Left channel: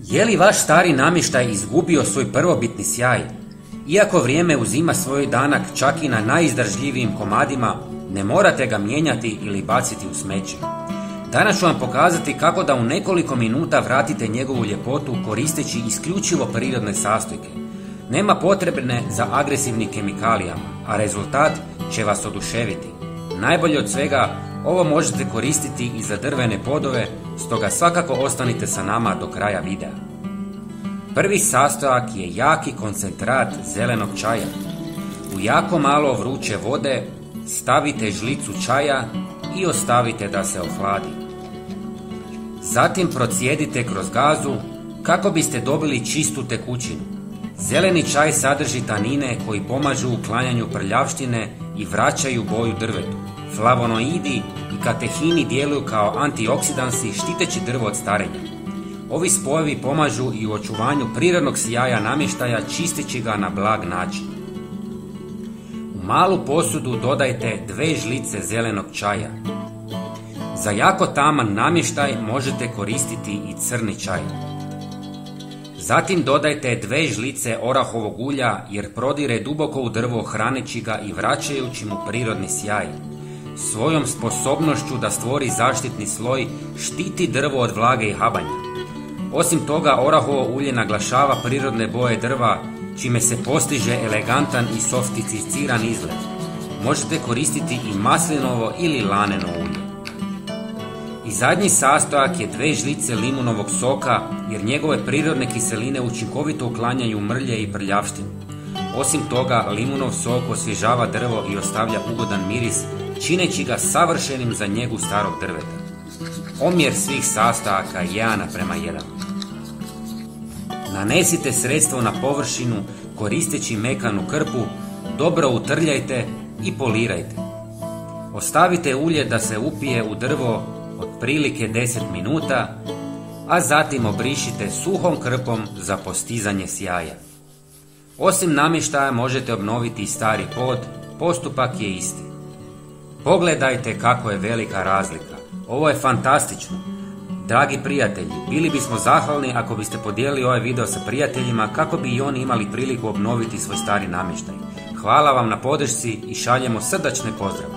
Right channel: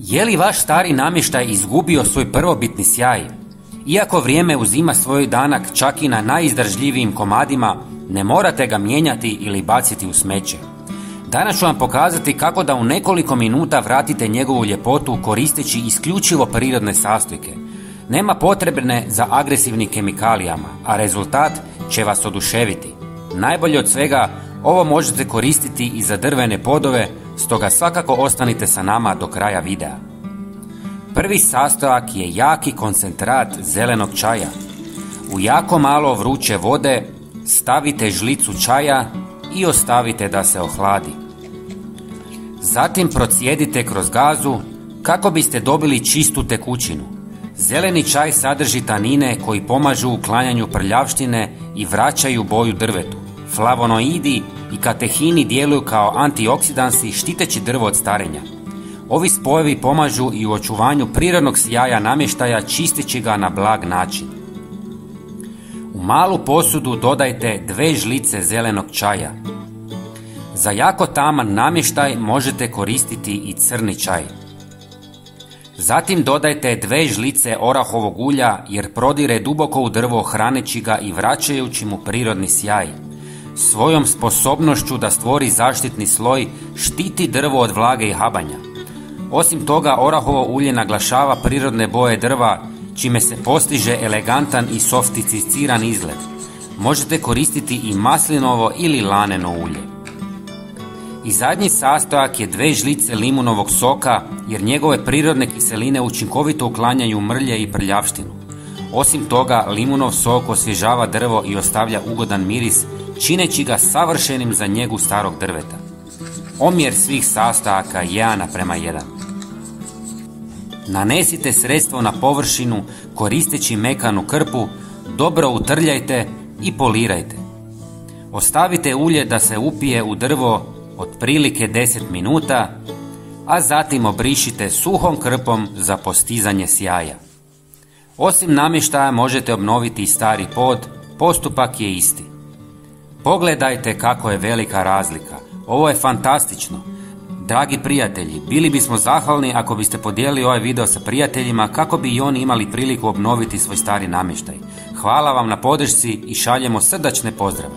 Je li vaš stari namještaj izgubio svoj prvobitni sjaj? Iako vrijeme uzima svoj danak čak i na najizdržljivijim komadima, ne morate ga mijenjati ili baciti u smeće. Danas ću vam pokazati kako da u nekoliko minuta vratite njegovu ljepotu koristeći isključivo prirodne sastojke. Nema potrebne za agresivnim kemikalijama, a rezultat će vas oduševiti. Najbolje od svega, ovo možete koristiti i za drvene podove, stoga svakako ostanite sa nama do kraja videa. Prvi sastojak je jaki koncentrat zelenog čaja. U jako malo vruće vode stavite žlicu čaja i ostavite da se ohladi. Zatim procijedite kroz gazu kako biste dobili čistu tekućinu. Zeleni čaj sadrži tanine koji pomažu u uklanjanju prljavštine i vraćaju boju drvetu. Flavonoidi i katehini djeluju kao antioksidansi štiteći drvo od starenja. Ovi spojevi pomažu i u očuvanju prirodnog sjaja namještaja čisteći ga na blag način. U malu posudu dodajte 2 žlice zelenog čaja. Za jako taman namještaj možete koristiti i crni čaj. Zatim dodajte 2 žlice orahovog ulja jer prodire duboko u drvo hraneći ga i vraćajući mu prirodni sjaj. Svojom sposobnošću da stvori zaštitni sloj štiti drvo od vlage i habanja. Osim toga, orahovo ulje naglašava prirodne boje drva, čime se postiže elegantan i sofisticiran izgled. Možete koristiti i maslinovo ili laneno ulje. I zadnji sastojak je 2 žlice limunovog soka jer njegove prirodne kiseline učinkovito uklanjaju mrlje i prljavštinu. Osim toga, limunov sok osvježava drvo i ostavlja ugodan miris, čineći ga savršenim za njegu starog drveta. Omjer svih sastojaka 1:1. Nanesite sredstvo na površinu koristeći mekanu krpu, dobro utrljajte i polirajte. Ostavite ulje da se upije u drvo otprilike 10 minuta, a zatim obrišite suhom krpom za postizanje sjaja. Osim namještaja možete obnoviti i stari pod, postupak je isti. Pogledajte kako je velika razlika. Ovo je fantastično. Dragi prijatelji, bili bismo zahvalni ako biste podijelili ovaj video sa prijateljima kako bi i oni imali priliku obnoviti svoj stari namještaj. Hvala vam na podršci i šaljemo srdačne pozdrave.